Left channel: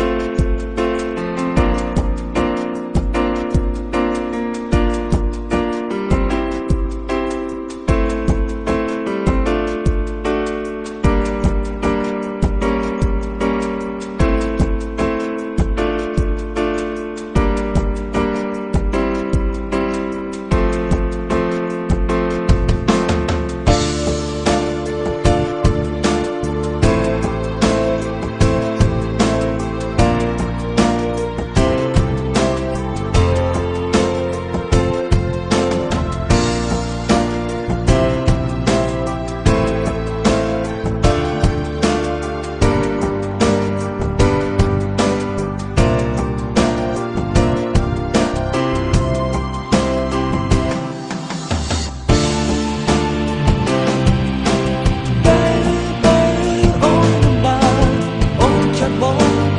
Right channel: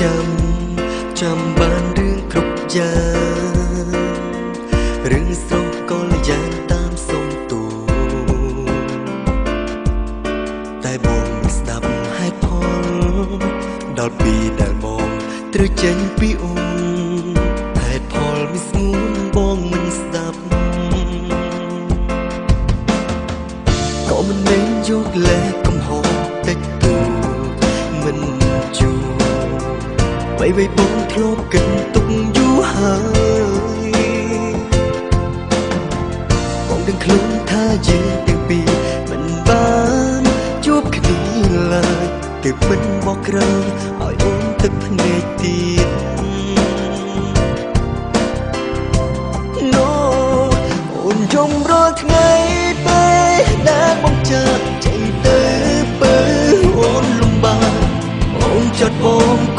ចាំបានរឿងគ្រប់យ៉ាងរឿងស្រស់ក៏លយ៉ាងតាមសុំទូតែបងមិនស្ដាប់ហេតុផលដល់ពេលដែលបងត្រូវចេញពីអូនហេតុផលមិនស្ងួនបងមិនស្ដាប់ក៏មិនមែនយកលេសកំហុសតិចតួមិនជួបបីបងធ្លាប់គិត